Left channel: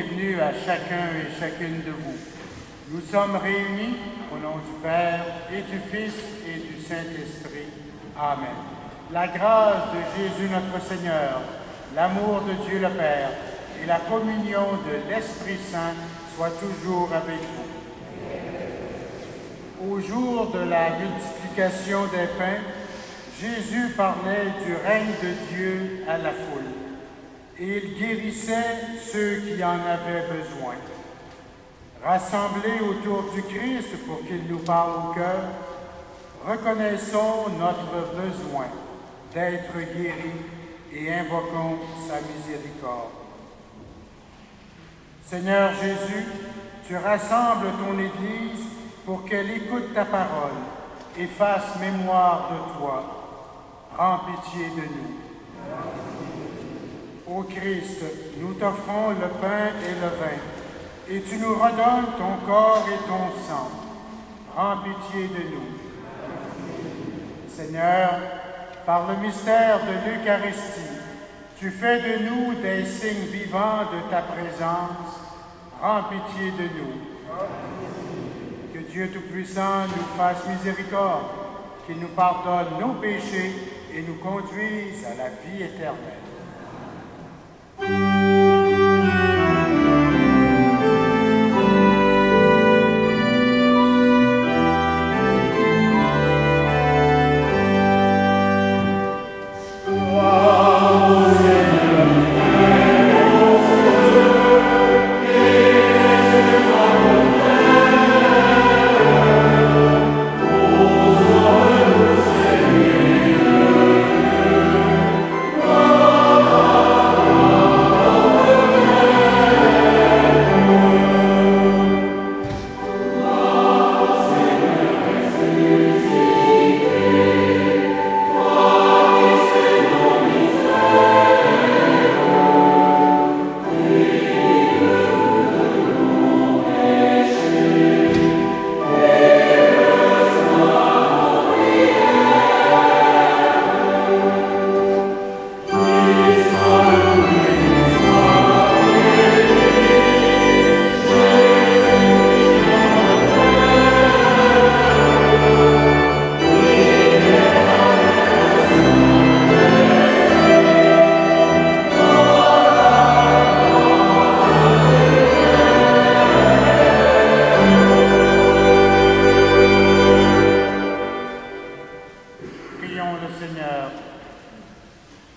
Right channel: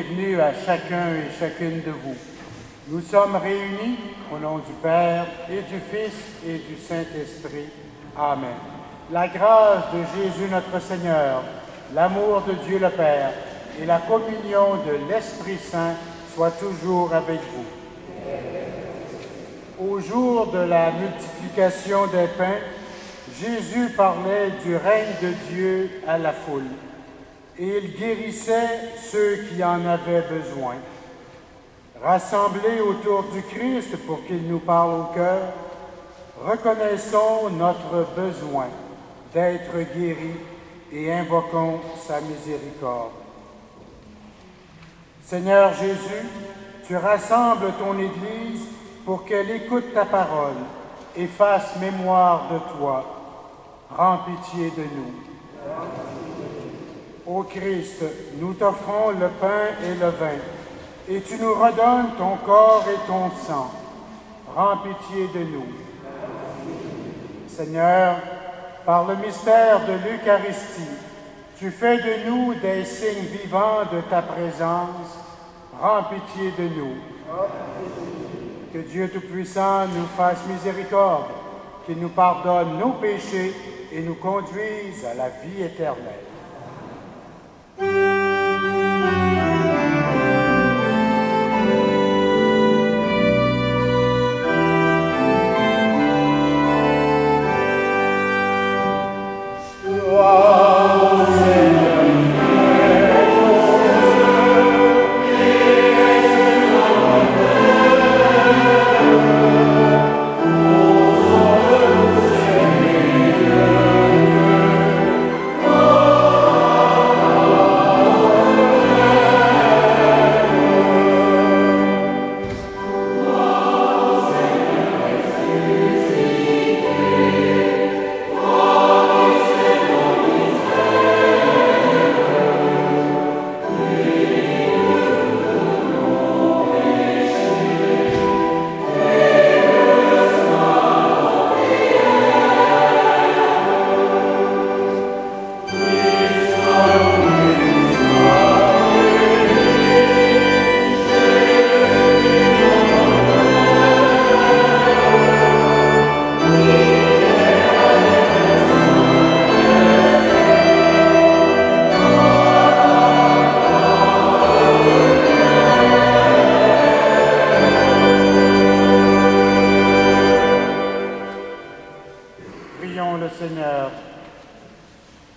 bienvenue à chacun et chacune de vous. Nous sommes réunis au nom du Père et du Fils et du Saint-Esprit. Amen. La grâce de Jésus notre Seigneur, l'amour de Dieu le Père et la communion de l'Esprit Saint soient toujours avec vous. Au jour de la multiplication des pains, Jésus parlait du règne de Dieu à la foule, et il guérissait ceux qui en avaient besoin. Rassemblés autour du Christ pour qu'il nous parle au cœur, reconnaissons notre besoin d'être guéris et invoquons sa miséricorde. Seigneur Jésus, tu rassembles ton Église pour qu'elle écoute ta parole et fasse mémoire de toi. Rends pitié de nous. Ô Christ, nous t'offrons le pain et le vin, et tu nous redonnes ton corps et ton sang. Rends pitié de nous. Seigneur, par le mystère de l'Eucharistie, tu fais de nous des signes vivants de ta présence. Rends pitié de nous. Que Dieu Tout-Puissant nous fasse miséricorde, qu'il nous pardonne nos péchés et nous conduise à la vie éternelle.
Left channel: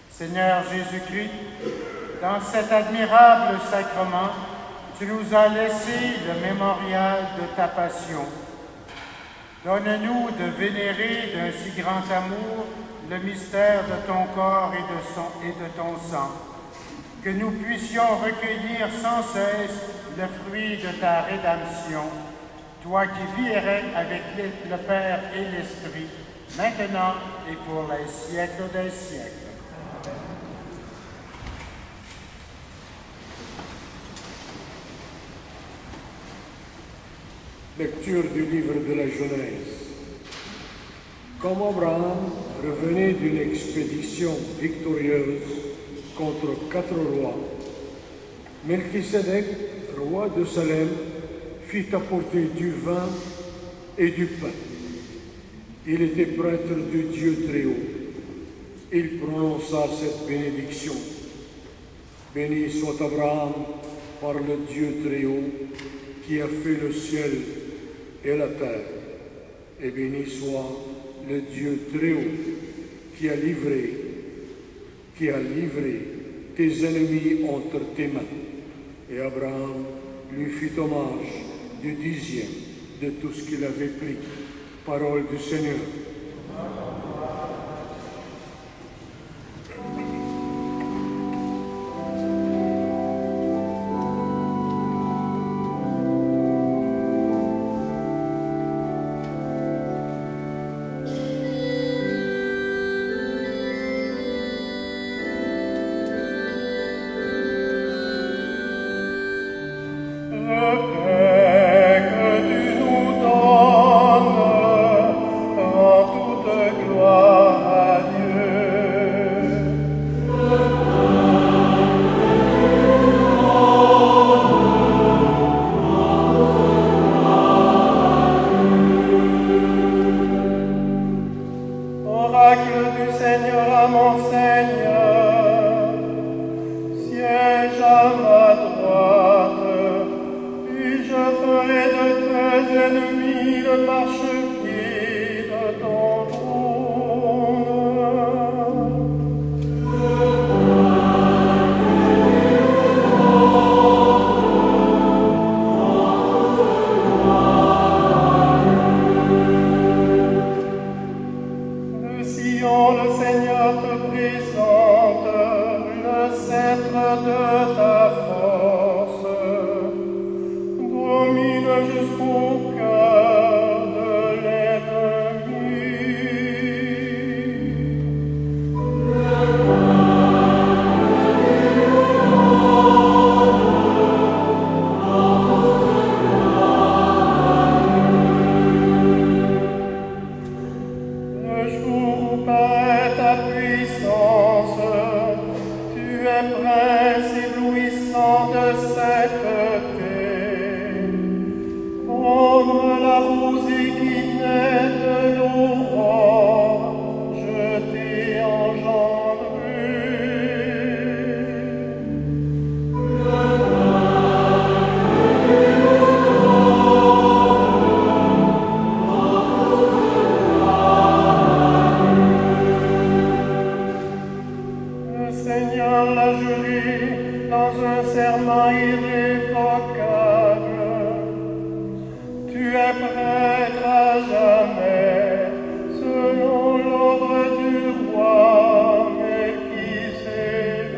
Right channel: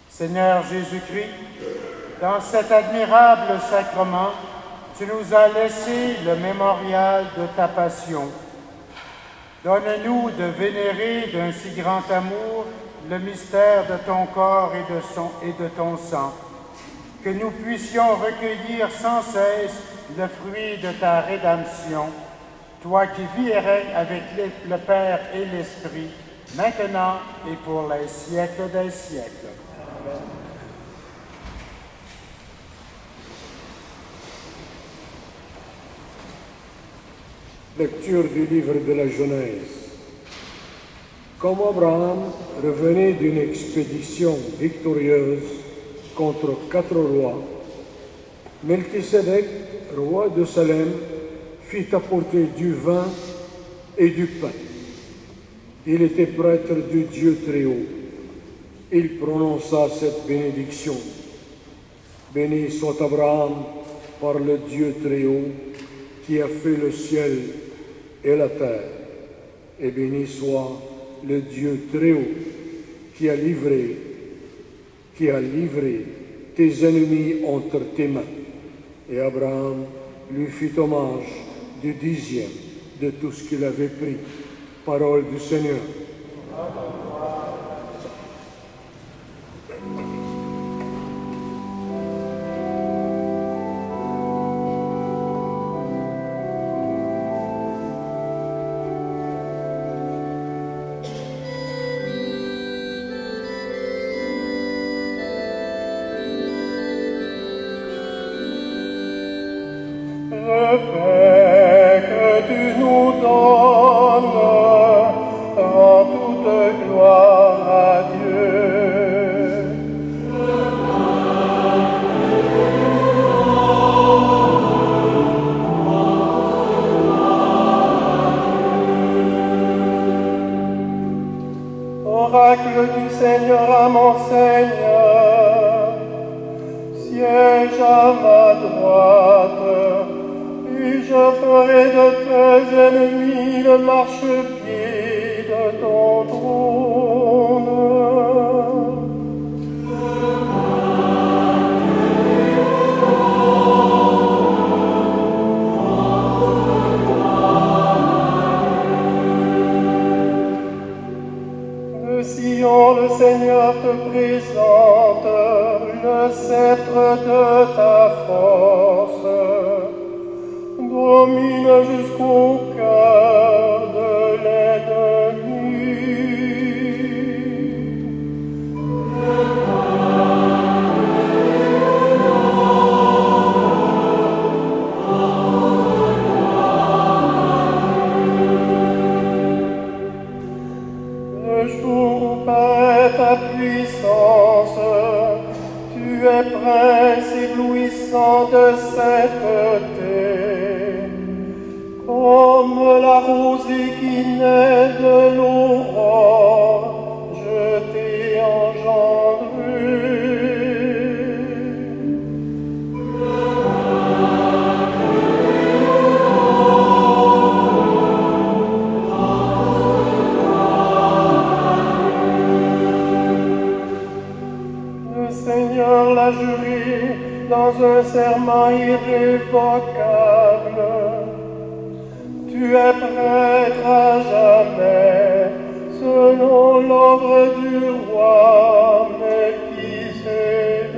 Seigneur Jésus-Christ, dans cet admirable sacrement, tu nous as laissé le mémorial de ta passion. Donne-nous de vénérer d'un si grand amour le mystère de ton corps et de ton sang, que nous puissions recueillir sans cesse le fruit de ta rédemption, toi qui vis et règnes avec le Père et l'Esprit, maintenant et pour les siècles des siècles. Lecture du livre de la Genèse. Comme Abraham revenait d'une expédition victorieuse contre 4 rois, Melchisédek, roi de Salem, fit apporter du vin et du pain. Il était prêtre du Dieu Très-Haut. Il prononça cette bénédiction. Béni soit Abraham par le Dieu Très-Haut qui a fait le ciel et la terre, et béni soit le Dieu Très-Haut qui a livré tes ennemis entre tes mains. Et Abraham lui fit hommage du 10e de tout ce qu'il avait pris. Parole du Seigneur. Le paix que tu nous donnes, rends toute toi, mon Seigneur, siège à ma droite, et je ferai de tes ennemis le marchepied de ton trône. De Sion, le Seigneur te présente le sceptre de ta force. Domine jusqu'au cœur de l'ennemi. Le jour où paraît ta puissance, tu es prince éblouissant de cette terre. Comme la rosée qui naît de l'aurore, je t'ai engendré. Le Seigneur l'a juré dans un serment irrévocable. Tu es prêtre à jamais, selon l'ordre du roi Melchisédek.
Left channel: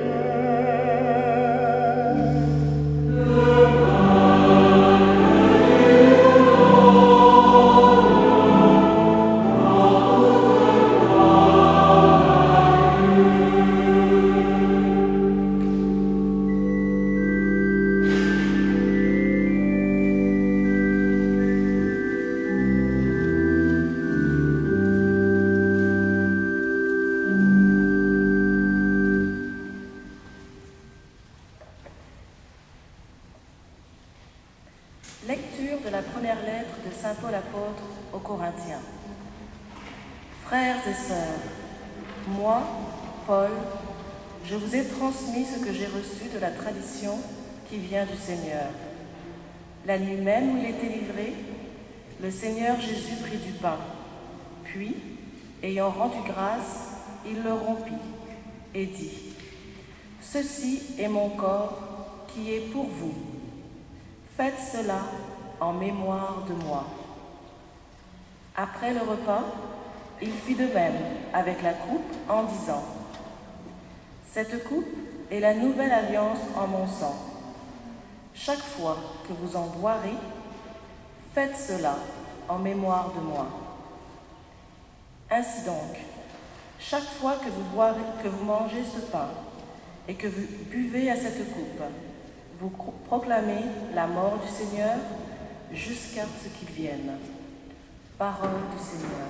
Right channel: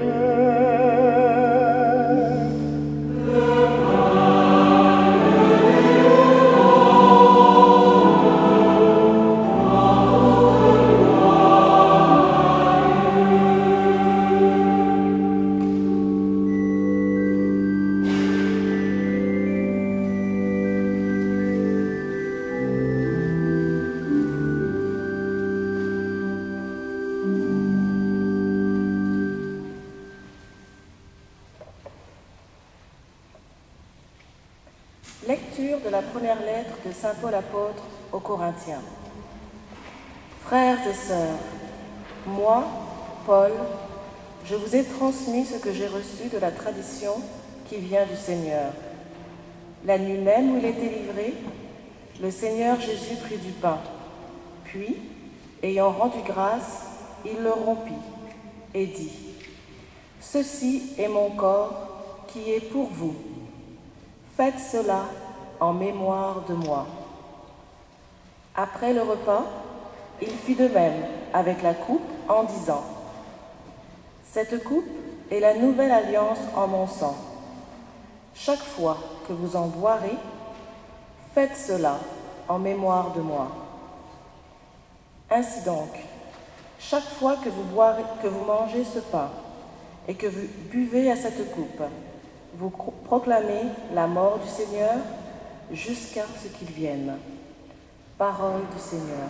Lecture de la première lettre de saint Paul apôtre aux Corinthiens. Frères et sœurs, moi, Paul, je vous ai transmis ce que j'ai reçu de la tradition qui vient du Seigneur. La nuit même où il était livré, le Seigneur Jésus prit du pain, puis, ayant rendu grâce, il le rompit et dit : « Ceci est mon corps qui est pour vous. Faites cela en mémoire de moi. » Après le repas, il fit de même avec la coupe en disant : « Cette coupe est la nouvelle alliance en mon sang. Chaque fois que vous en boirez, faites cela en mémoire de moi. Ainsi donc, chaque fois que vous mangez ce pain et que vous buvez à cette coupe, vous proclamez la mort du Seigneur jusqu'à ce qu'il vienne. » Parole du Seigneur.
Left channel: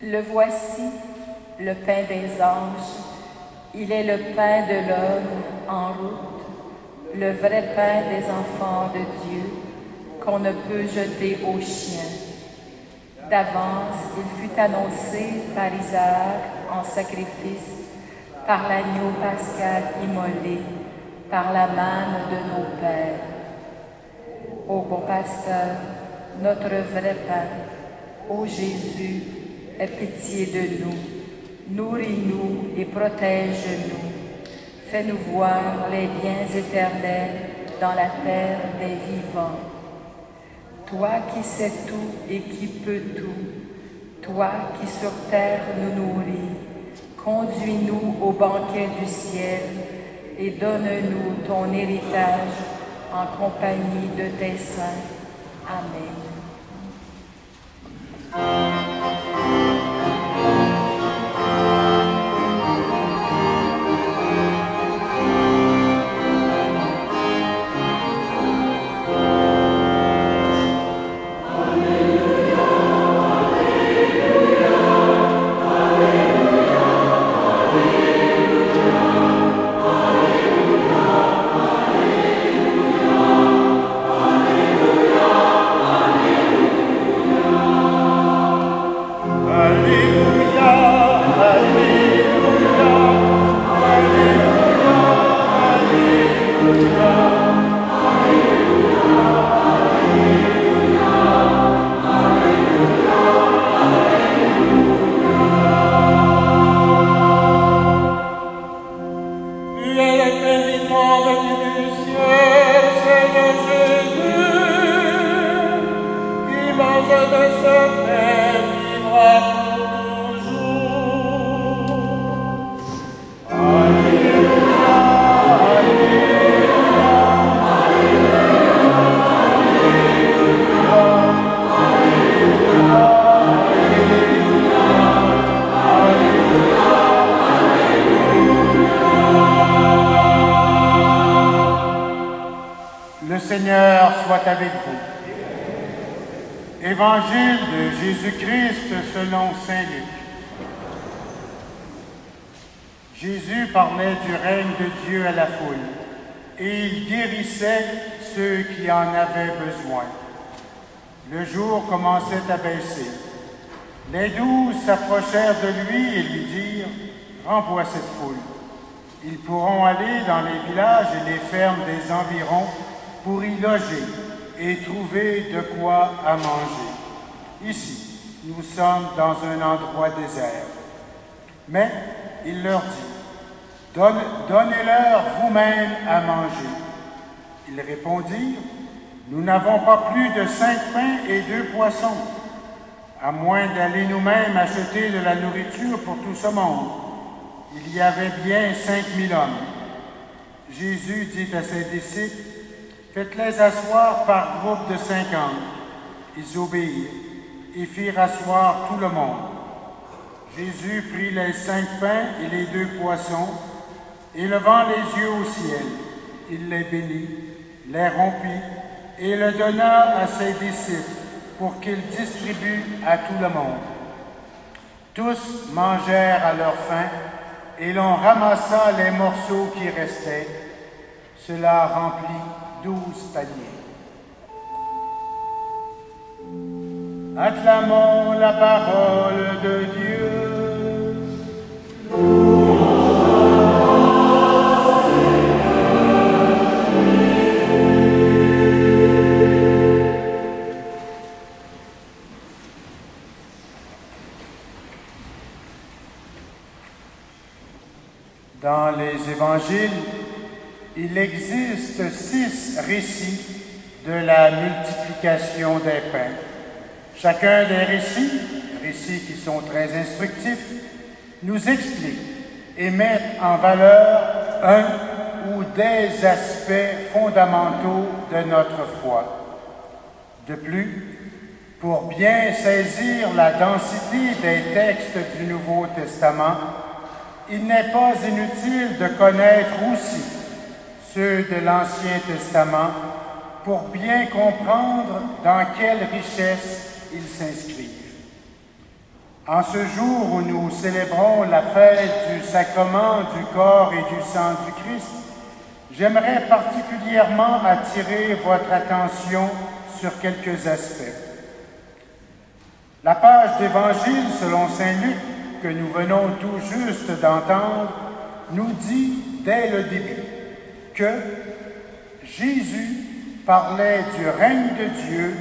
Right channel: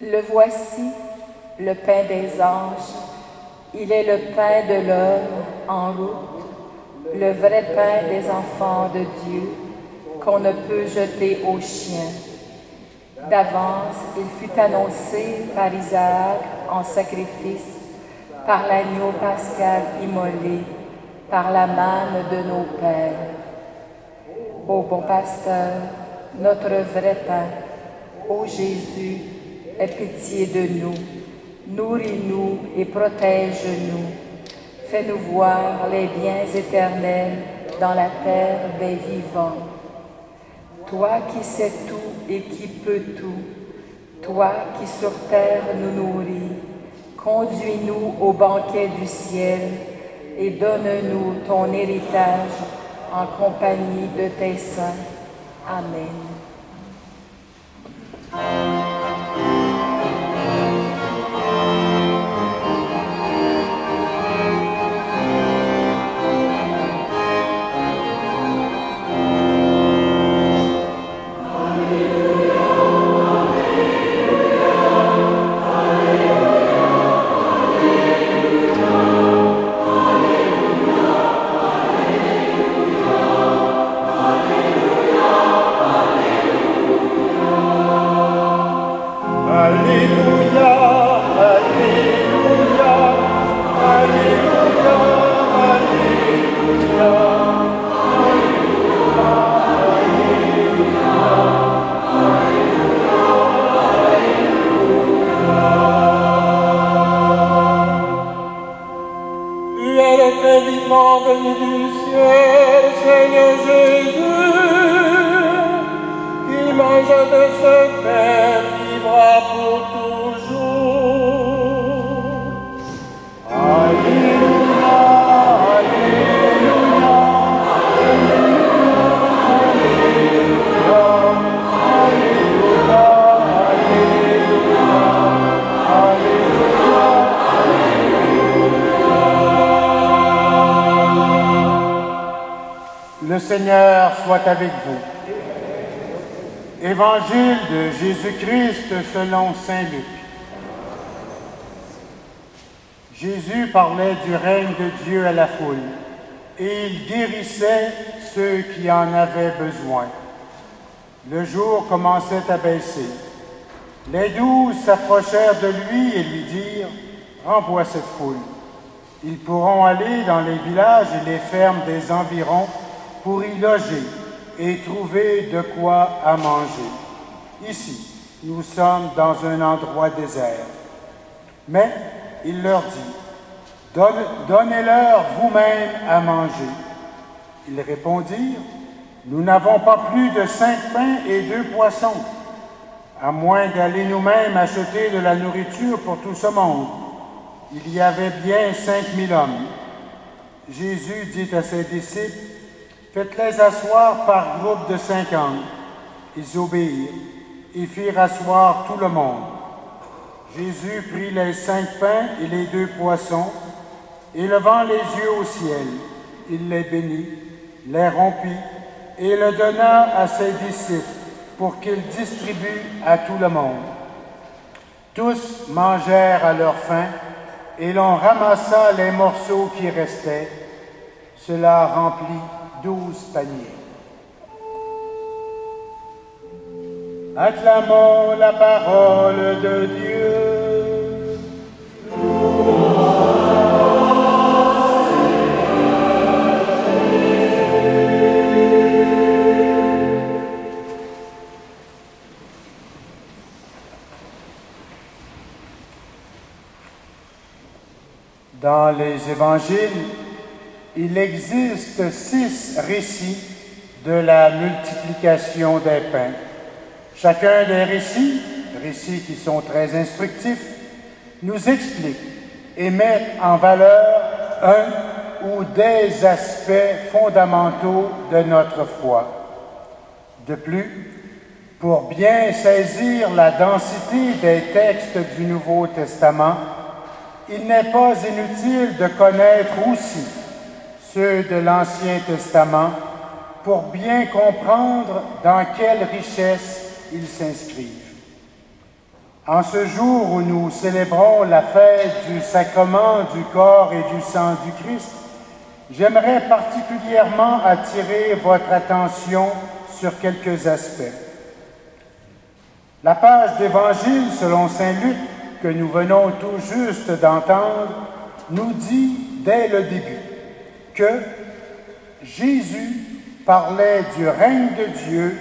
Le voici, le pain des anges, il est le pain de l'homme en route, le vrai pain des enfants de Dieu, qu'on ne peut jeter aux chiens. D'avance, il fut annoncé par Isaac en sacrifice, par l'agneau pascal immolé, par la manne de nos pères. Ô bon pasteur, notre vrai pain, ô Jésus, aie pitié de nous, nourris-nous et protège-nous. Fais-nous voir les biens éternels dans la terre des vivants. Toi qui sais tout et qui peux tout, toi qui sur terre nous nourris, conduis-nous au banquet du ciel et donne-nous ton héritage en compagnie de tes saints. Amen. Alleluia. Le Seigneur soit avec vous. Évangile de Jésus-Christ selon saint Luc. Jésus parlait du règne de Dieu à la foule, et il guérissait ceux qui en avaient besoin. Le jour commençait à baisser. Les 12 s'approchèrent de lui et lui dirent « Renvoie cette foule. Ils pourront aller dans les villages et les fermes des environs pour y loger et trouver de quoi à manger. Ici, nous sommes dans un endroit désert. » Mais il leur dit, « Donnez-leur vous-même à manger. » Ils répondirent, « Nous n'avons pas plus de 5 pains et 2 poissons, à moins d'aller nous-mêmes acheter de la nourriture pour tout ce monde. » Il y avait bien 5000 hommes. Jésus dit à ses disciples, « Faites-les asseoir par groupe de 50. » Ils obéirent et firent asseoir tout le monde. Jésus prit les 5 pains et les 2 poissons, et levant les yeux au ciel, il les bénit, les rompit, et le donna à ses disciples pour qu'ils distribuent à tout le monde. Tous mangèrent à leur faim, et l'on ramassa les morceaux qui restaient. Cela remplit 12 paniers. Acclamons la parole de Dieu. Dans les évangiles, il existe 6 récits de la multiplication des pains. Chacun des récits qui sont très instructifs, nous explique et met en valeur un ou des aspects fondamentaux de notre foi. De plus, pour bien saisir la densité des textes du Nouveau Testament, il n'est pas inutile de connaître aussi ceux de l'Ancien Testament pour bien comprendre dans quelle richesse ils s'inscrivent. En ce jour où nous célébrons la fête du sacrement du corps et du sang du Christ, j'aimerais particulièrement attirer votre attention sur quelques aspects. La page d'Évangile selon saint Luc que nous venons tout juste d'entendre nous dit dès le début que Jésus parlait du règne de Dieu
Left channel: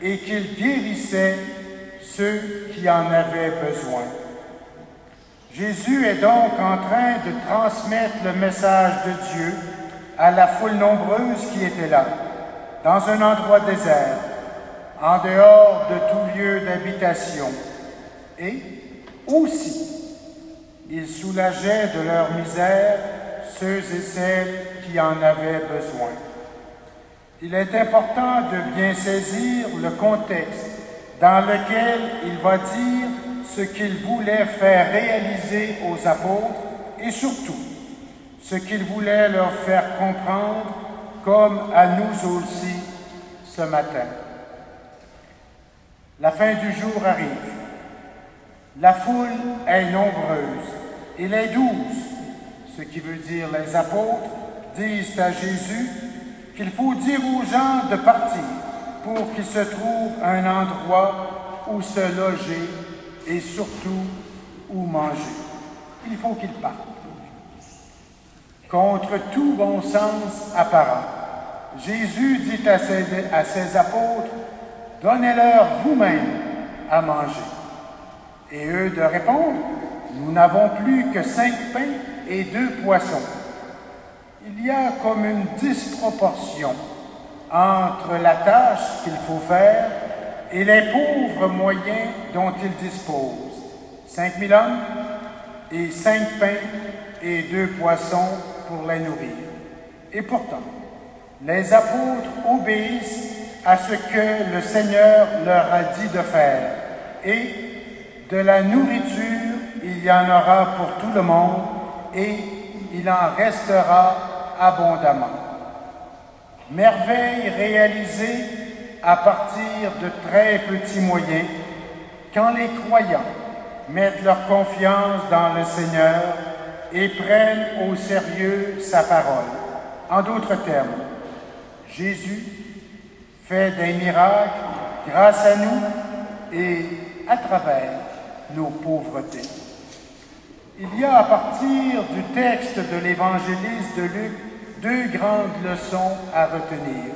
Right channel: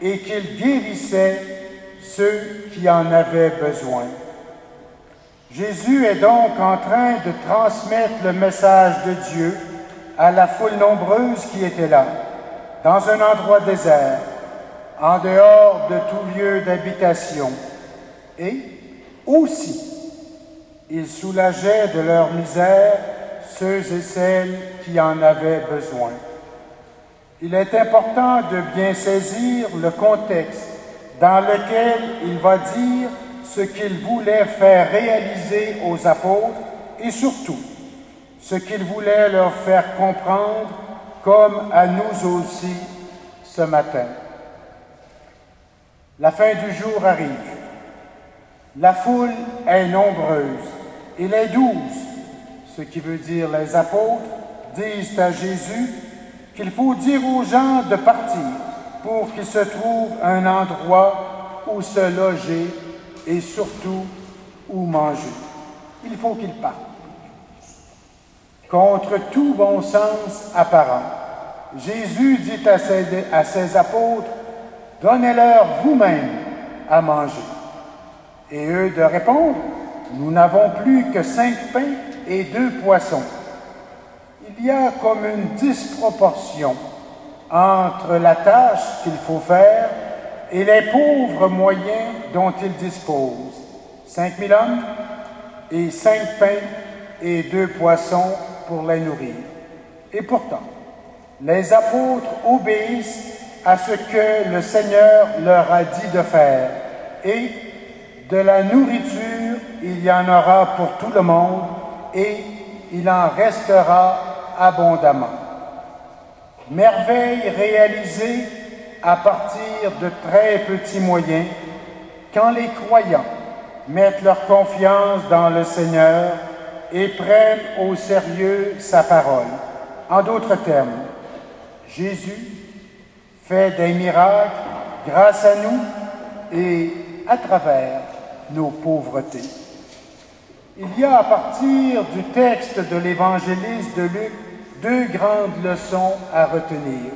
et qu'il guérissait ceux qui en avaient besoin. Jésus est donc en train de transmettre le message de Dieu à la foule nombreuse qui était là, dans un endroit désert, en dehors de tout lieu d'habitation. Et aussi, il soulageait de leur misère ceux et celles qui en avaient besoin. Il est important de bien saisir le contexte dans lequel il va dire ce qu'il voulait faire réaliser aux apôtres et surtout ce qu'il voulait leur faire comprendre comme à nous aussi ce matin. La fin du jour arrive. La foule est nombreuse et les 12, ce qui veut dire les apôtres, disent à Jésus qu'il faut dire aux gens de partir pour qu'il se trouve un endroit où se loger et surtout où manger. Il faut qu'il parte. Contre tout bon sens apparent, Jésus dit à ses apôtres, « Donnez-leur vous-même à manger. » Et eux de répondre, « Nous n'avons plus que 5 pains et 2 poissons. » Il y a comme une disproportion entre la tâche qu'il faut faire et les pauvres moyens dont ils disposent. 5000 hommes et 5 pains et 2 poissons pour les nourrir. Et pourtant, les apôtres obéissent à ce que le Seigneur leur a dit de faire. Et de la nourriture, il y en aura pour tout le monde et il en restera abondamment. Merveille réalisée à partir de très petits moyens quand les croyants mettent leur confiance dans le Seigneur et prennent au sérieux sa parole. En d'autres termes, Jésus fait des miracles grâce à nous et à travers nos pauvretés. Il y a à partir du texte de l'évangéliste de Luc 2 grandes leçons à retenir.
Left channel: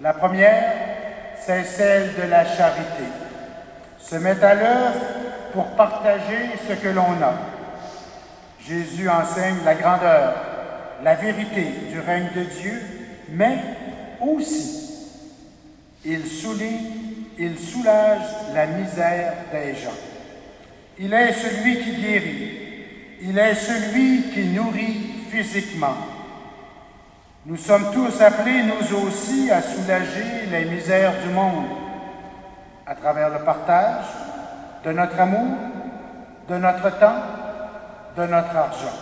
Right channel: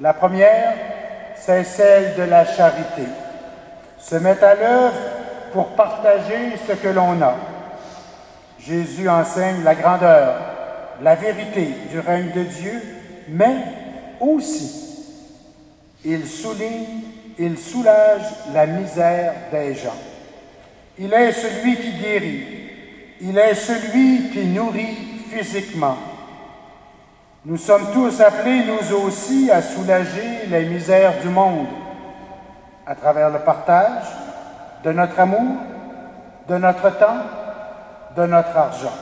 La première, c'est celle de la charité. Se mettre à l'œuvre pour partager ce que l'on a. Jésus enseigne la grandeur, la vérité du règne de Dieu, mais aussi, il soulage la misère des gens. Il est celui qui guérit. Il est celui qui nourrit physiquement. Nous sommes tous appelés, nous aussi, à soulager les misères du monde à travers le partage de notre amour, de notre temps, de notre argent.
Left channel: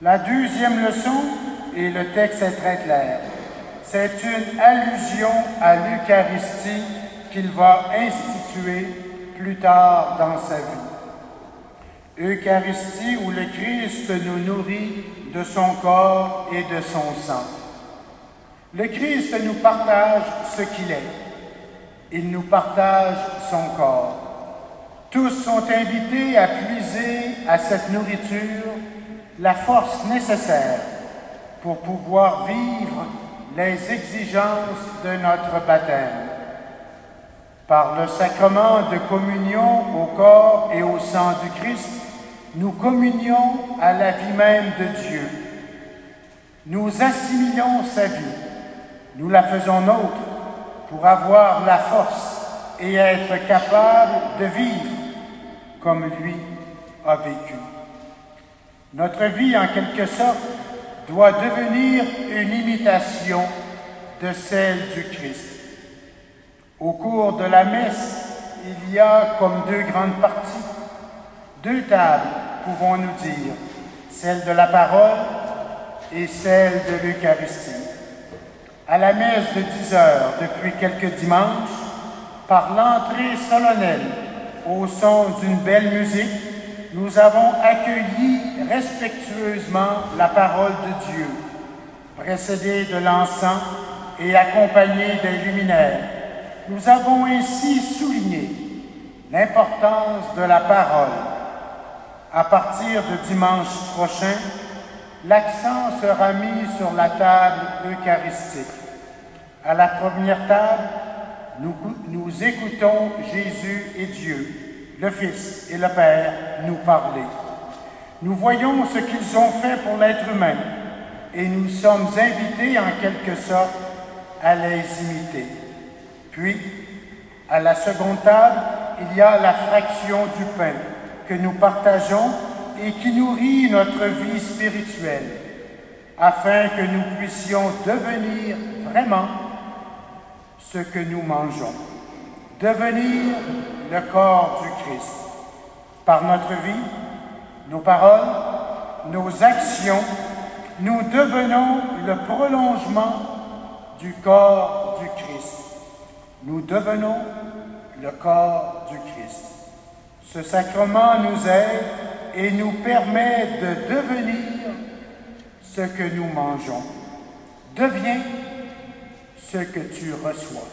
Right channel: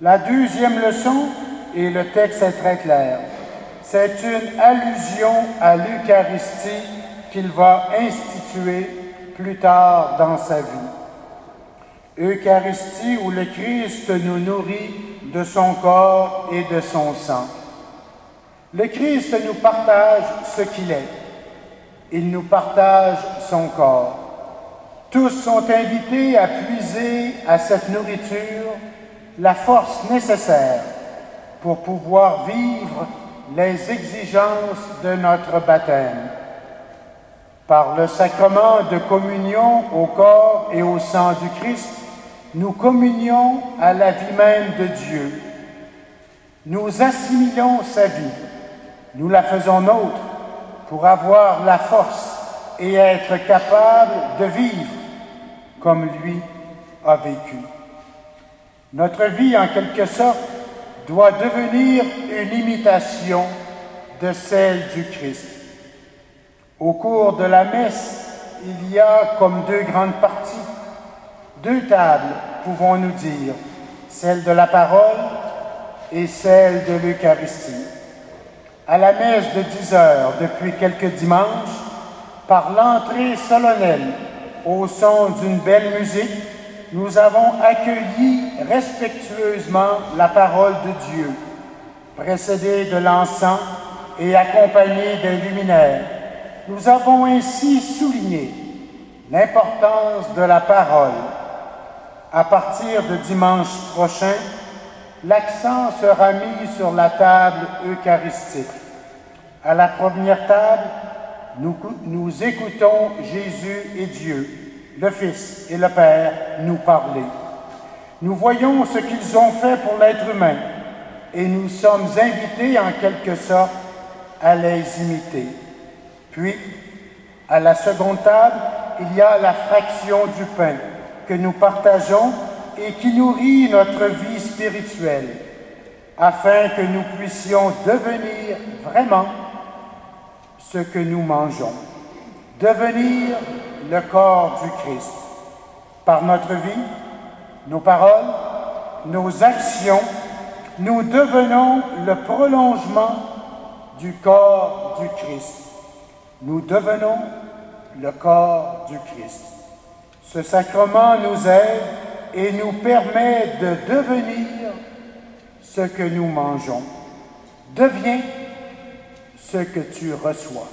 La deuxième leçon, et le texte est très clair, c'est une allusion à l'Eucharistie qu'il va instituer plus tard dans sa vie. Eucharistie où le Christ nous nourrit de son corps et de son sang. Le Christ nous partage ce qu'il est. Il nous partage son corps. Tous sont invités à puiser à cette nourriture la force nécessaire pour pouvoir vivre les exigences de notre baptême. Par le sacrement de communion au corps et au sang du Christ, nous communions à la vie même de Dieu. Nous assimilons sa vie, nous la faisons nôtre pour avoir la force et être capable de vivre comme lui a vécu. Notre vie, en quelque sorte, doit devenir une imitation de celle du Christ. Au cours de la messe, il y a comme 2 grandes parties, 2 tables, pouvons-nous dire, celle de la parole et celle de l'Eucharistie. À la messe de 10 heures, depuis quelques dimanches, par l'entrée solennelle, au son d'une belle musique, nous avons accueilli respectueusement la parole de Dieu, précédée de l'encens et accompagnée des luminaires. Nous avons ainsi souligné l'importance de la parole. À partir de dimanche prochain, l'accent sera mis sur la table eucharistique. À la première table, nous écoutons Jésus et Dieu, le Fils et le Père nous parler. Nous voyons ce qu'ils ont fait pour l'être humain et nous sommes invités en quelque sorte à les imiter. Puis, à la seconde table, il y a la fraction du pain que nous partageons et qui nourrit notre vie spirituelle, afin que nous puissions devenir vraiment ce que nous mangeons, devenir le corps du Christ. Par notre vie, nos paroles, nos actions, nous devenons le prolongement du corps du Christ. Nous devenons le corps du Christ. Ce sacrement nous aide et nous permet de devenir ce que nous mangeons. Deviens ce que tu reçois.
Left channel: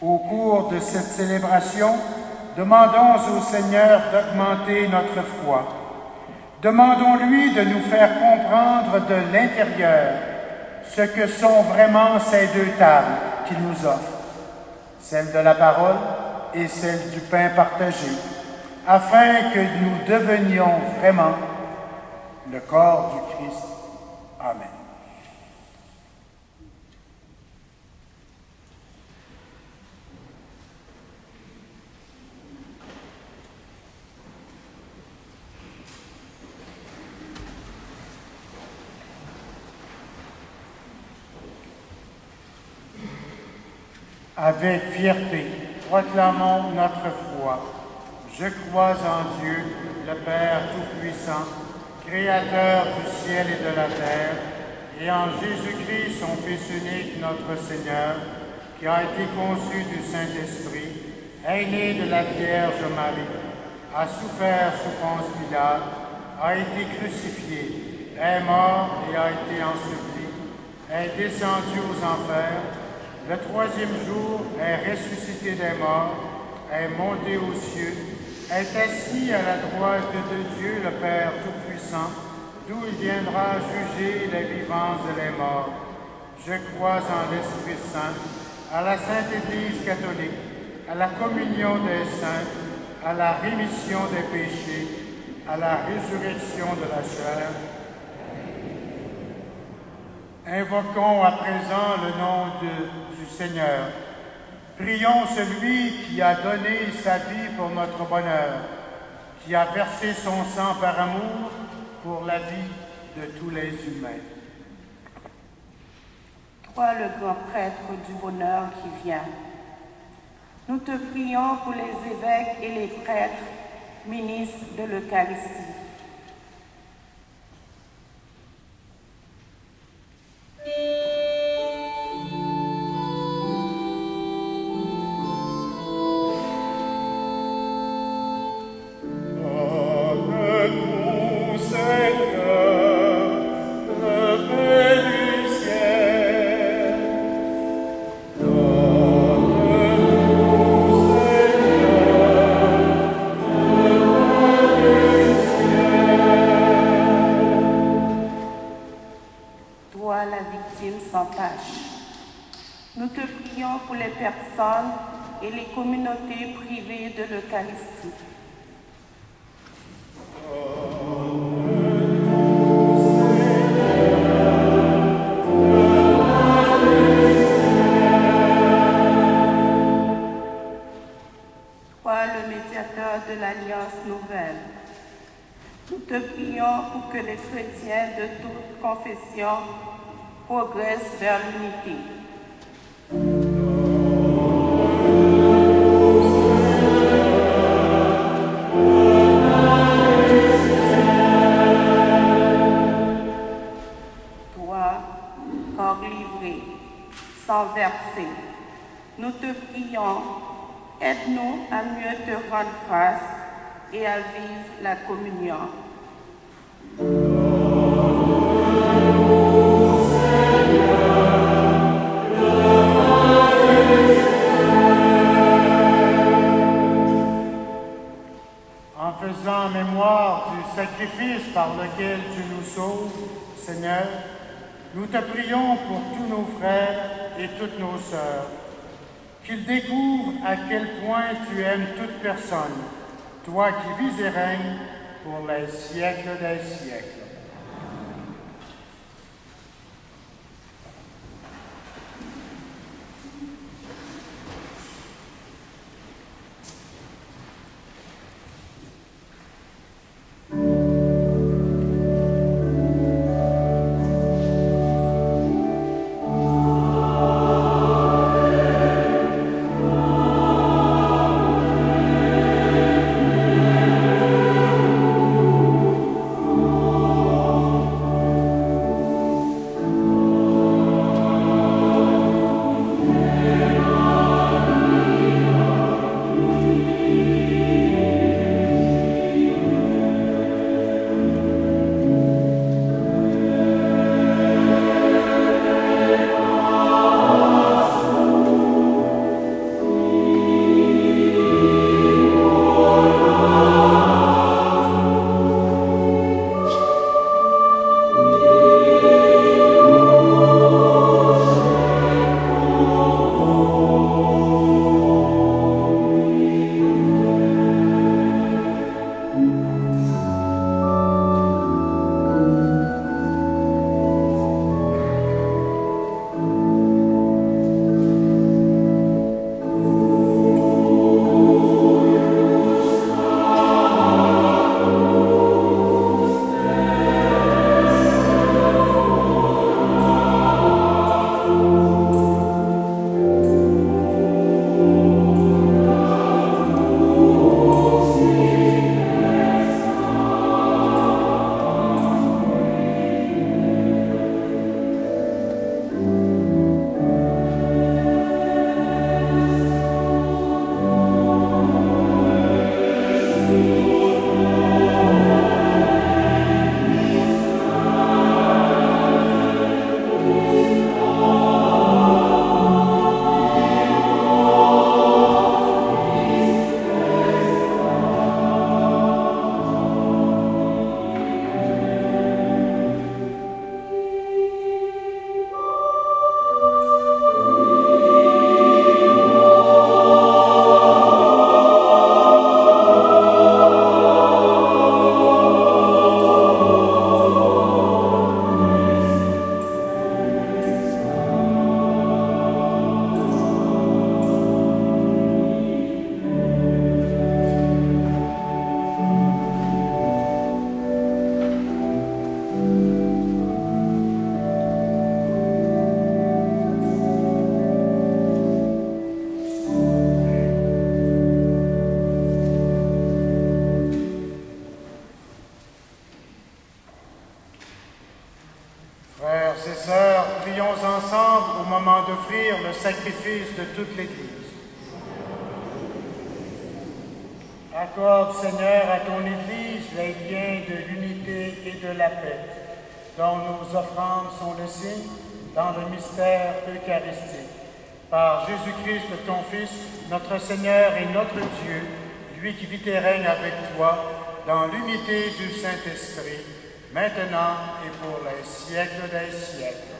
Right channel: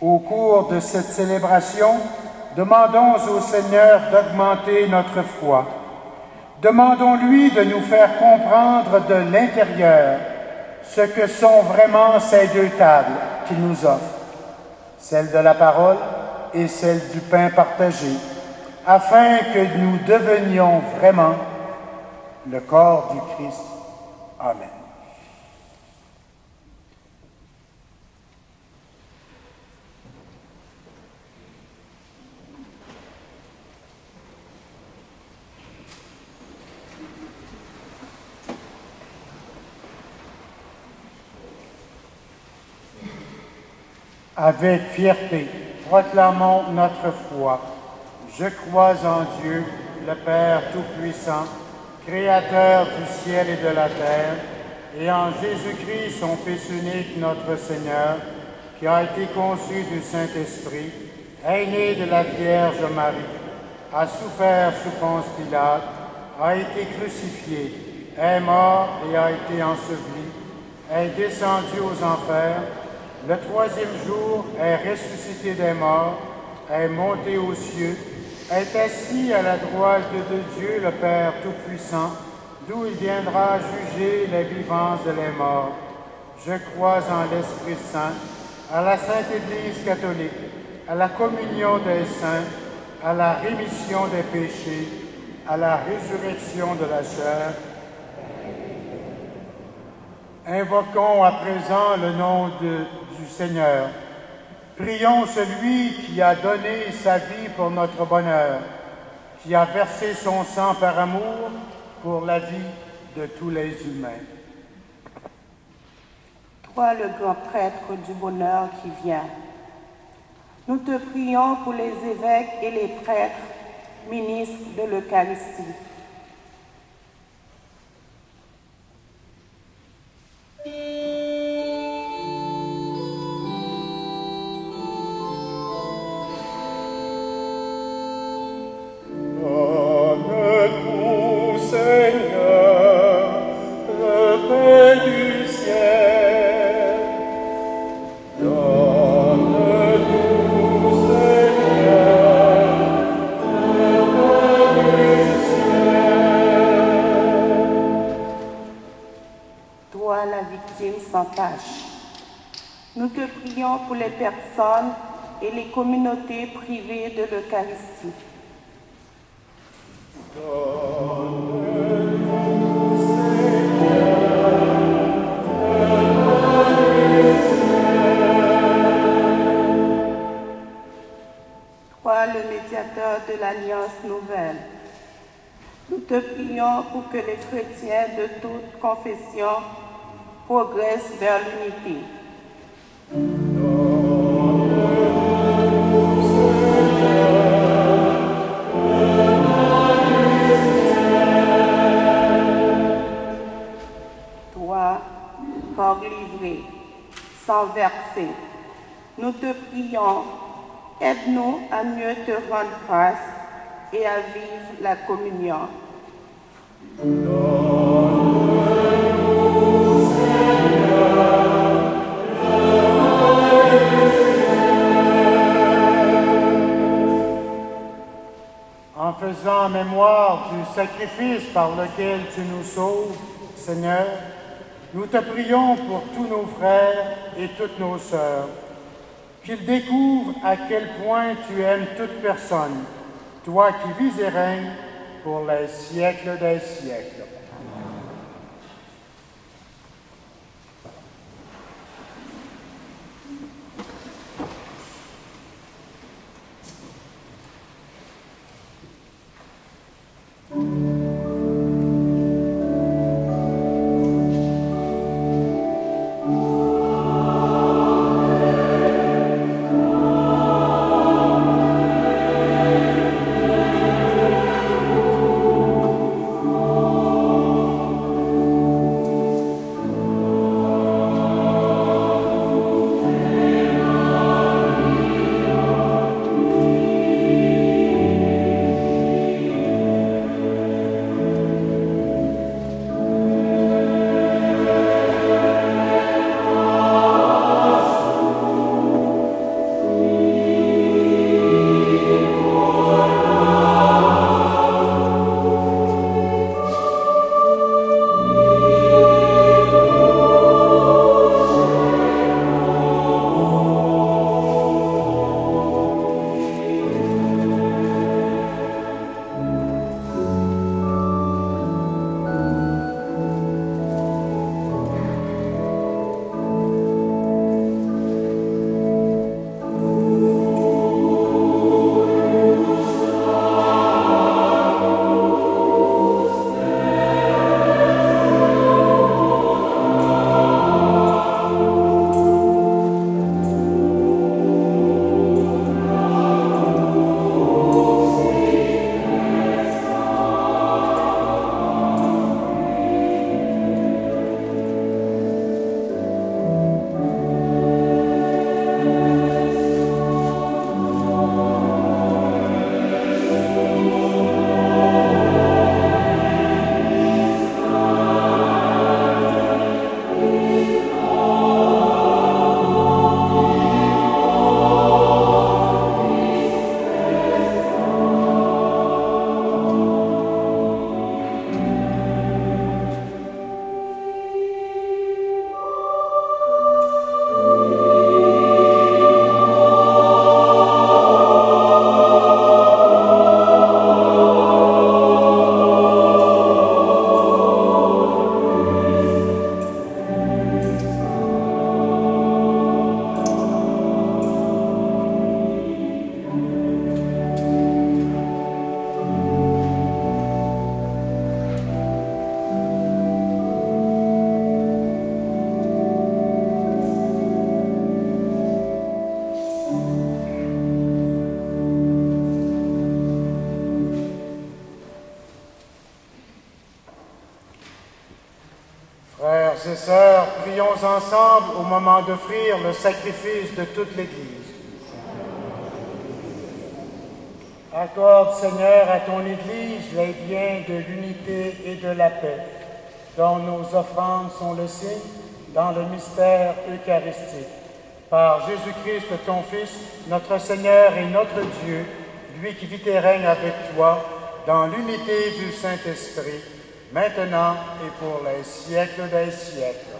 Au cours de cette célébration, demandons au Seigneur d'augmenter notre foi. Demandons-lui de nous faire comprendre de l'intérieur ce que sont vraiment ces deux tables qu'il nous offre, celle de la parole et celle du pain partagé, afin que nous devenions vraiment le corps du Christ. Amen. Avec fierté, proclamons notre foi. Je crois en Dieu, le Père Tout-Puissant, Créateur du ciel et de la terre, et en Jésus-Christ, son Fils unique, notre Seigneur, qui a été conçu du Saint-Esprit, est né de la Vierge Marie, a souffert sous Ponce Pilate, a été crucifié, est mort et a été enseveli, est descendu aux enfers, le troisième jour est ressuscité des morts, est monté aux cieux, est assis à la droite de Dieu le Père Tout-Puissant, d'où il viendra juger les vivants et les morts. Je crois en l'Esprit Saint, à la Sainte Église catholique, à la communion des saints, à la rémission des péchés, à la résurrection de la chair. Invoquons à présent le nom du Seigneur. Prions celui qui a donné sa vie pour notre bonheur, qui a versé son sang par amour pour la vie de tous les humains. Toi, le grand prêtre du bonheur qui vient, nous te prions pour les évêques et les prêtres, ministres de l'Eucharistie. Nous te prions pour les personnes et les communautés privées de l'Eucharistie. Toi, le médiateur de l'Alliance nouvelle, nous te prions pour que les chrétiens de toute confession progressent vers l'unité. Toi, corps livré, sans verser, nous te prions, aide-nous à mieux te rendre grâce et à vivre la communion. En faisant mémoire du sacrifice par lequel tu nous sauves, Seigneur, nous te prions pour tous nos frères et toutes nos sœurs, qu'ils découvrent à quel point tu aimes toute personne, toi qui vis et règnes pour les siècles des siècles. sœurs, prions ensemble au moment d'offrir le sacrifice de toute l'Église. Accorde, Seigneur, à ton Église les biens de l'unité et de la paix, dont nos offrandes sont le signe dans le mystère eucharistique. Par Jésus-Christ, ton Fils, notre Seigneur et notre Dieu, lui qui vit et règne avec toi, dans l'unité du Saint-Esprit, maintenant et pour les siècles des siècles.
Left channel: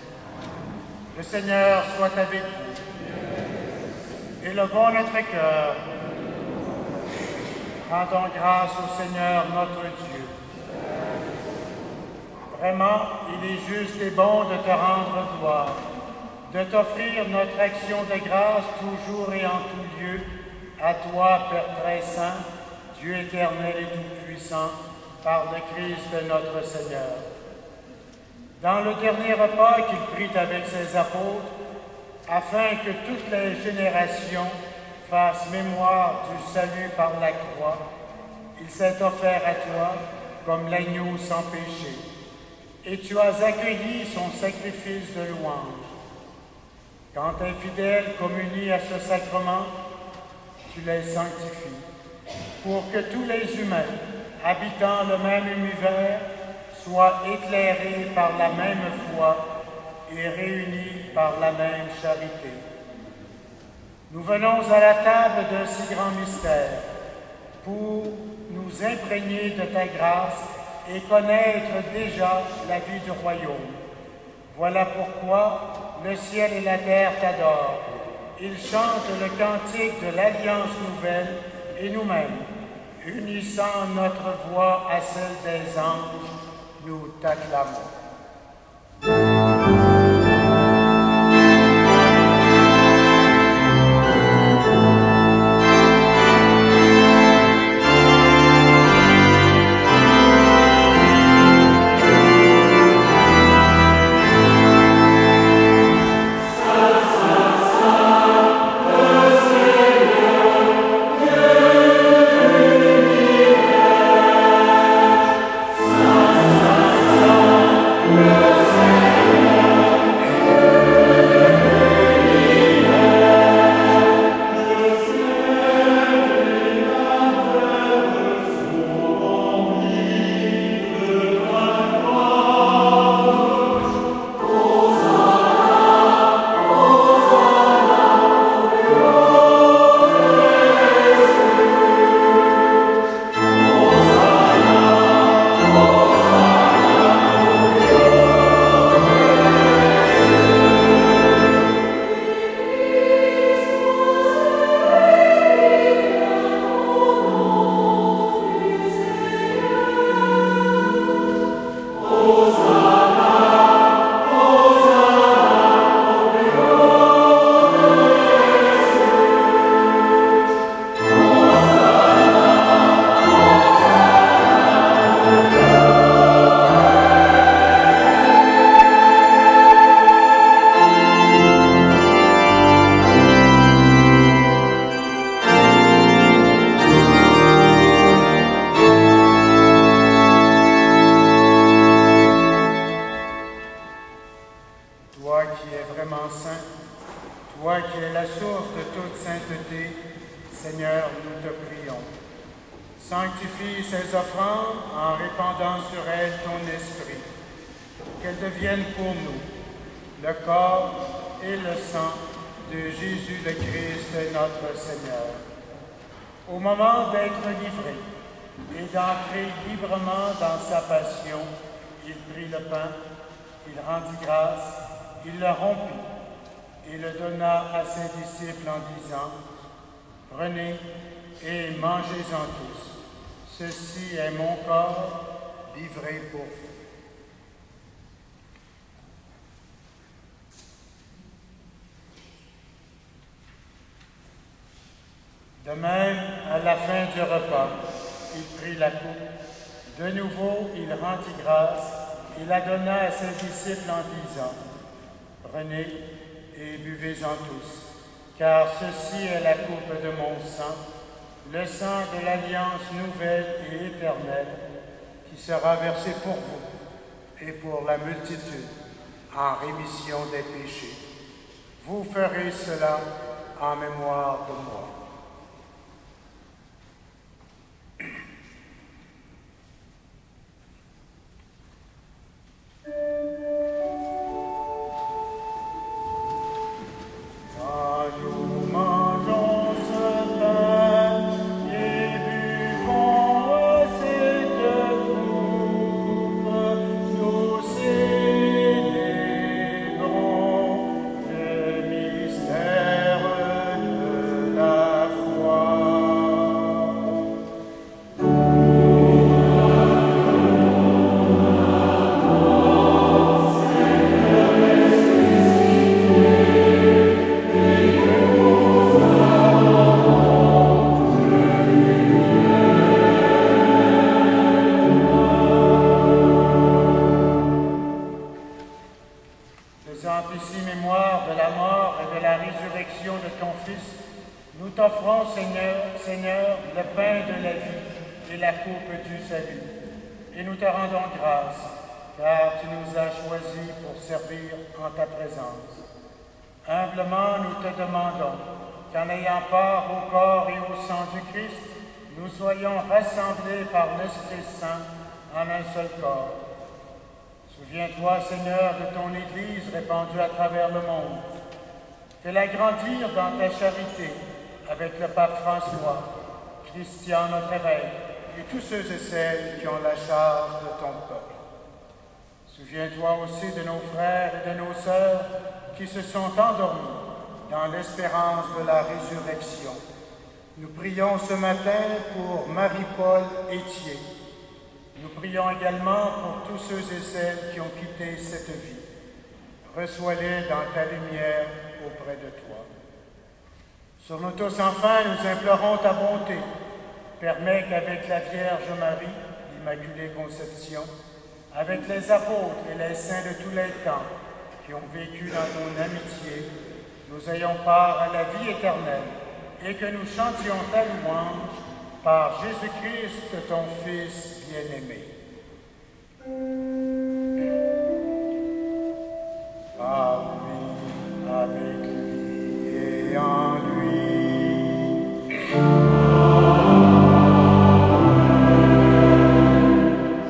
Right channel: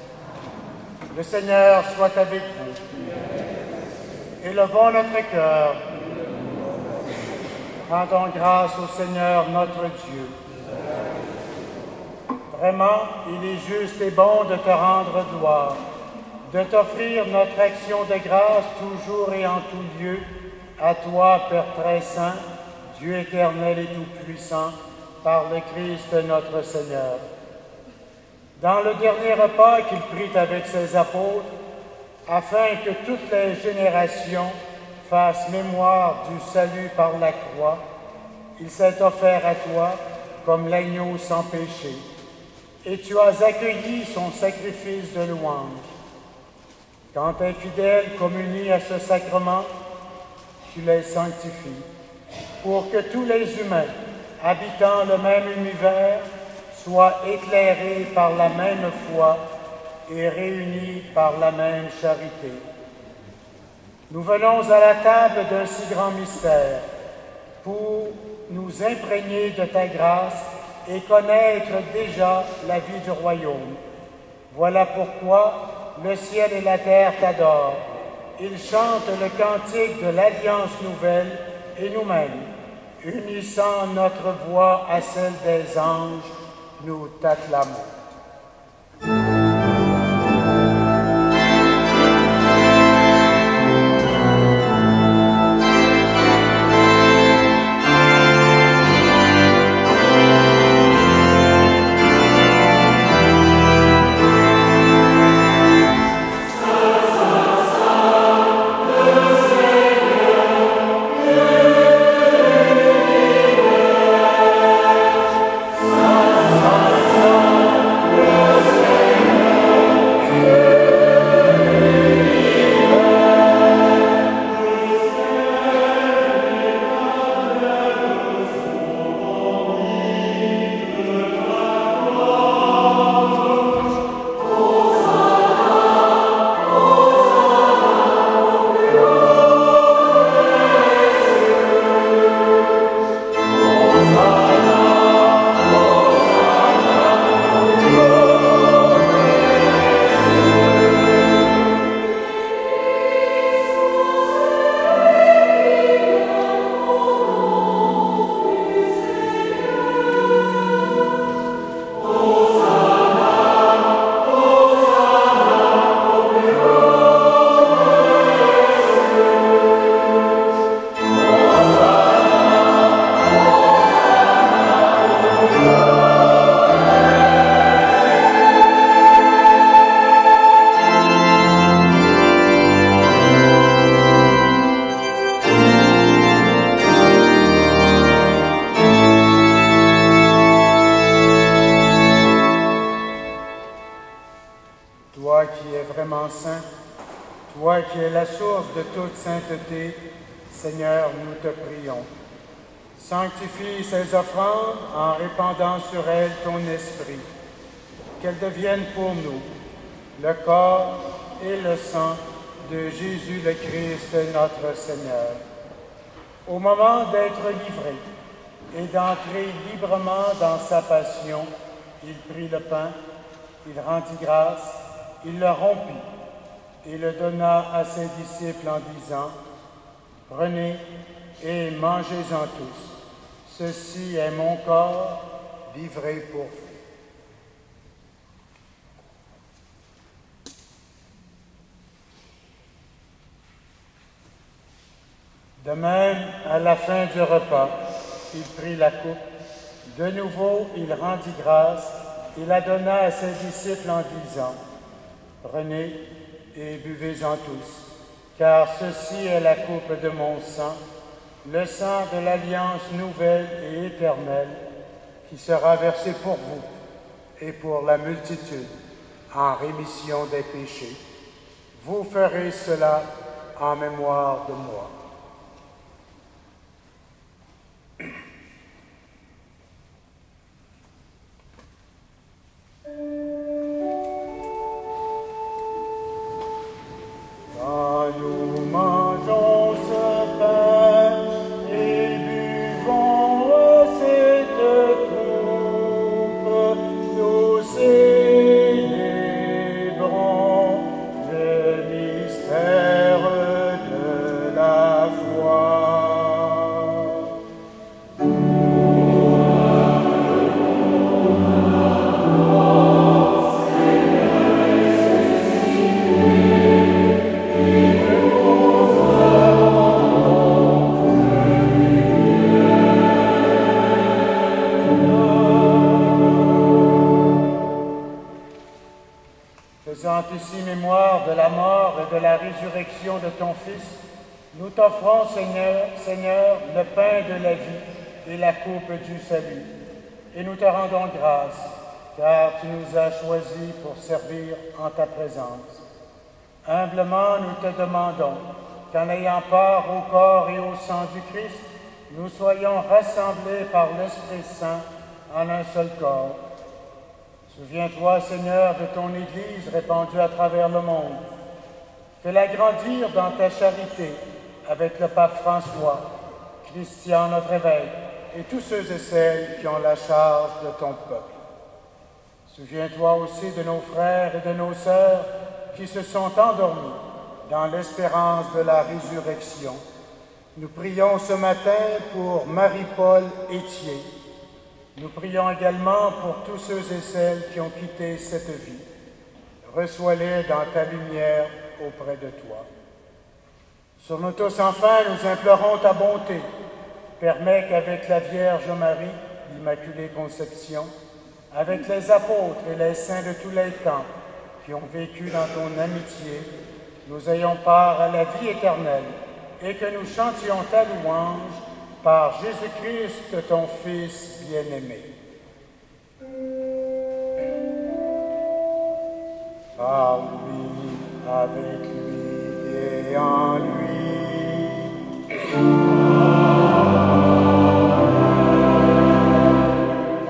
Le Seigneur soit avec vous. Élevons notre cœur. Rendons grâce au Seigneur notre Dieu. Vraiment, il est juste et bon de te rendre gloire, de t'offrir notre action de grâce toujours et en tout lieu, à toi, Père très saint, Dieu éternel et tout-puissant, par le Christ notre Seigneur. Dans le dernier repas qu'il prit avec ses apôtres, afin que toutes les générations fassent mémoire du salut par la croix, il s'est offert à toi comme l'agneau sans péché, et tu as accueilli son sacrifice de louange. Quand tes fidèles communient à ce sacrement, tu les sanctifies, pour que tous les humains, habitant le même univers, soient éclairés par la même foi et réunis par la même charité. Nous venons à la table d'un si grand mystère pour nous imprégner de ta grâce et connaître déjà la vie du royaume. Voilà pourquoi le ciel et la terre t'adorent. Ils chantent le cantique de l'Alliance nouvelle et nous-mêmes, unissant notre voix à celle des anges, nous t'acclamons. Toi qui es vraiment saint, toi qui es la source de toute sainteté, Seigneur, nous te prions. Sanctifie ces offrandes en répandant sur elles ton esprit, qu'elles deviennent pour nous le corps et le sang de Jésus le Christ, notre Seigneur. Au moment d'être livré et d'entrer librement dans sa passion, il prit le pain, il rendit grâce, il le rompit et le donna à ses disciples en disant : « Prenez et mangez-en tous. Ceci est mon corps livré pour vous. » De même, à la fin du repas, il prit la coupe. De nouveau, il rendit grâce et la donna à ses disciples en disant : « Prenez et buvez-en tous, car ceci est la coupe de mon sang, le sang de l'alliance nouvelle et éternelle, qui sera versé pour vous et pour la multitude en rémission des péchés. Vous ferez cela en mémoire de moi. Quand nous mangeons ce pain et buvons cette coupe, nous célébrons le mystère de la foi. Faisant ici mémoire de la mort et de la résurrection de ton Fils, nous t'offrons, Seigneur, le pain de la vie et la coupe du salut. Et nous te rendons grâce, car tu nous as choisis pour servir en ta présence. Humblement, nous te demandons qu'en ayant part au corps et au sang du Christ, nous soyons rassemblés par l'Esprit Saint en un seul corps. Souviens-toi, Seigneur, de ton Église répandue à travers le monde. Fais-la grandir dans ta charité avec le pape François, Christian, notre évêque, et tous ceux et celles qui ont la charge de ton peuple. Souviens-toi aussi de nos frères et de nos sœurs qui se sont endormis dans l'espérance de la résurrection. Nous prions ce matin pour Marie-Paul Étier. Nous prions également pour tous ceux et celles qui ont quitté cette vie. Reçois-les dans ta lumière auprès de toi. Sur nous tous, enfin, nous implorons ta bonté. Permets qu'avec la Vierge Marie, l'Immaculée Conception, avec les apôtres et les saints de tous les temps qui ont vécu dans ton amitié, nous ayons part à la vie éternelle et que nous chantions ta louange par Jésus-Christ, ton Fils bien-aimé. Par lui, avec lui et en lui.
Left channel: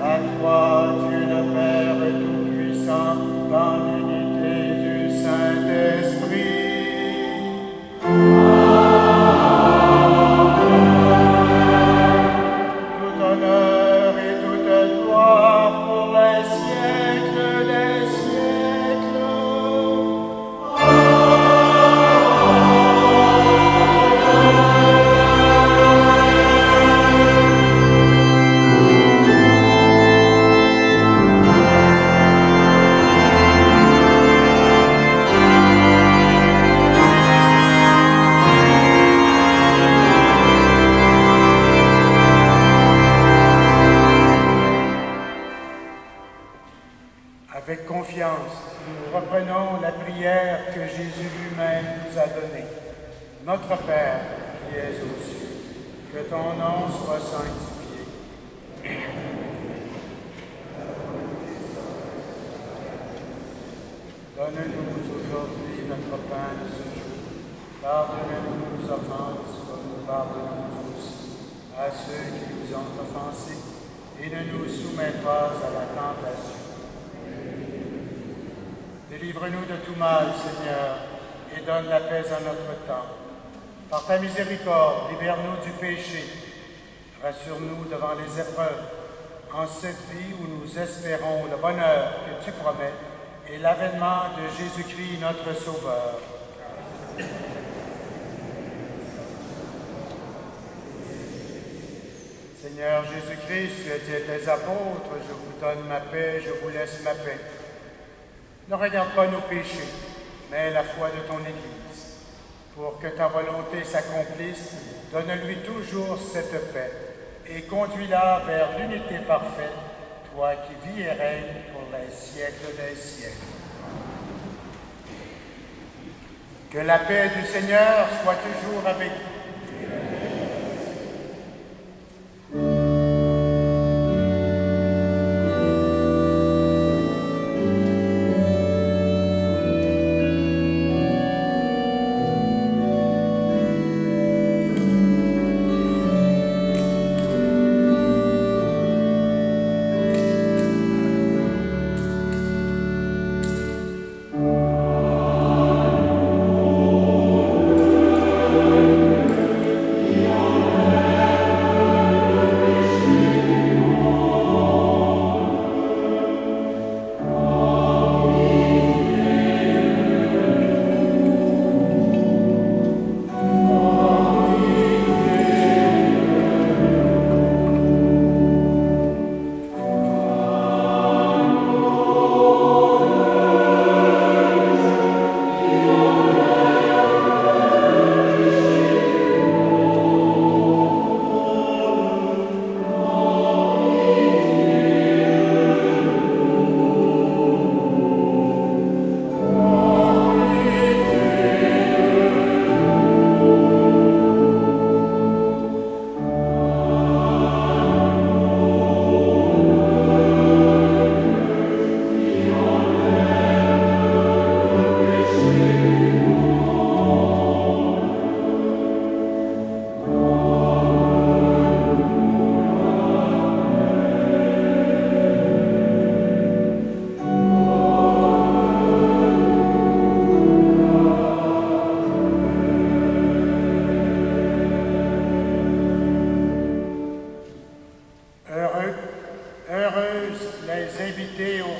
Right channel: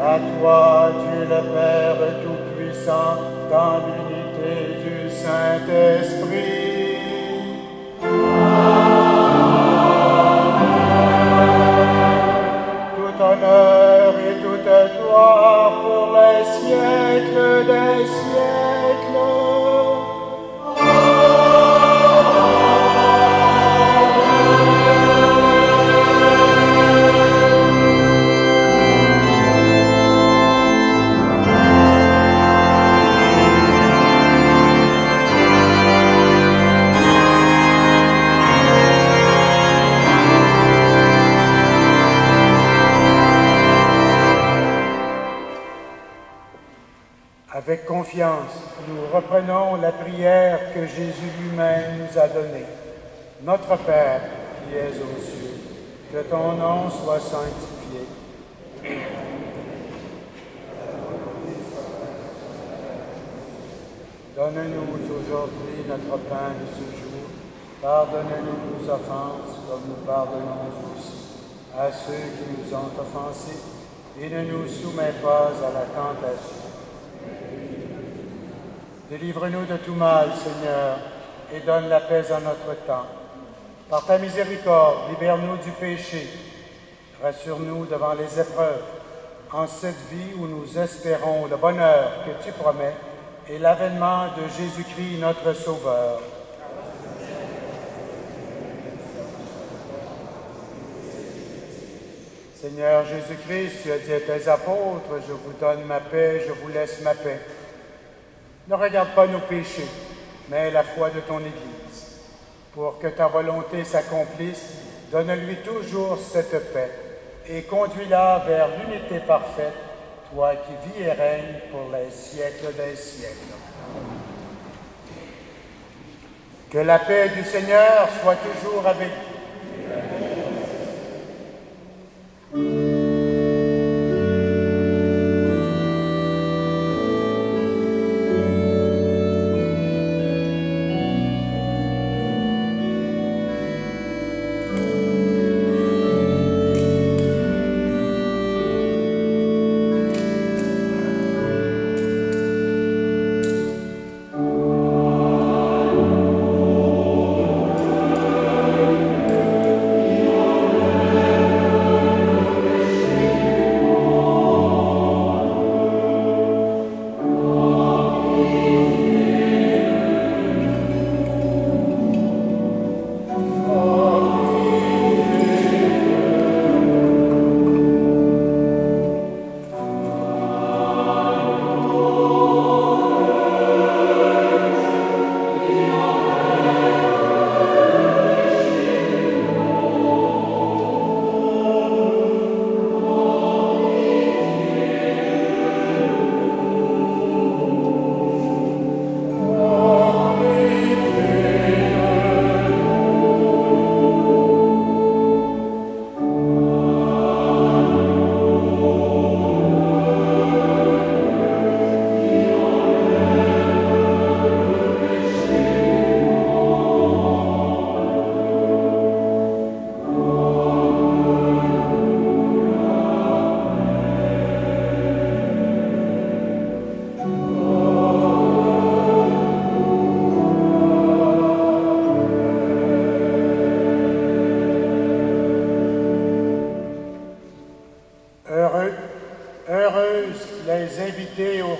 À toi, Dieu le Père Tout-Puissant, dans l'unité du Saint-Esprit. Honneur et toute gloire pour les siècles des siècles. Avec confiance, nous reprenons la prière que Jésus lui-même nous a donnée. Notre Père, qui es aux cieux, que ton nom soit sanctifié. Donne-nous aujourd'hui notre pain de ce jour. Pardonne-nous nos offenses, comme nous pardonnons aussi à ceux qui nous ont offensés, et ne nous soumets pas à la tentation. Délivre-nous de tout mal, Seigneur, et donne la paix à notre temps. Par ta miséricorde, libère-nous du péché. Rassure-nous devant les épreuves, en cette vie où nous espérons le bonheur que tu promets et l'avènement de Jésus-Christ, notre Sauveur. Seigneur Jésus-Christ, tu as dit à tes apôtres, je vous donne ma paix, je vous laisse ma paix. Ne regarde pas nos péchés, mais la foi de ton Église. Pour que ta volonté s'accomplisse, donne-lui toujours cette paix et conduis-la vers l'unité parfaite, toi qui vis et règnes pour les siècles des siècles. Que la paix du Seigneur soit toujours avec vous.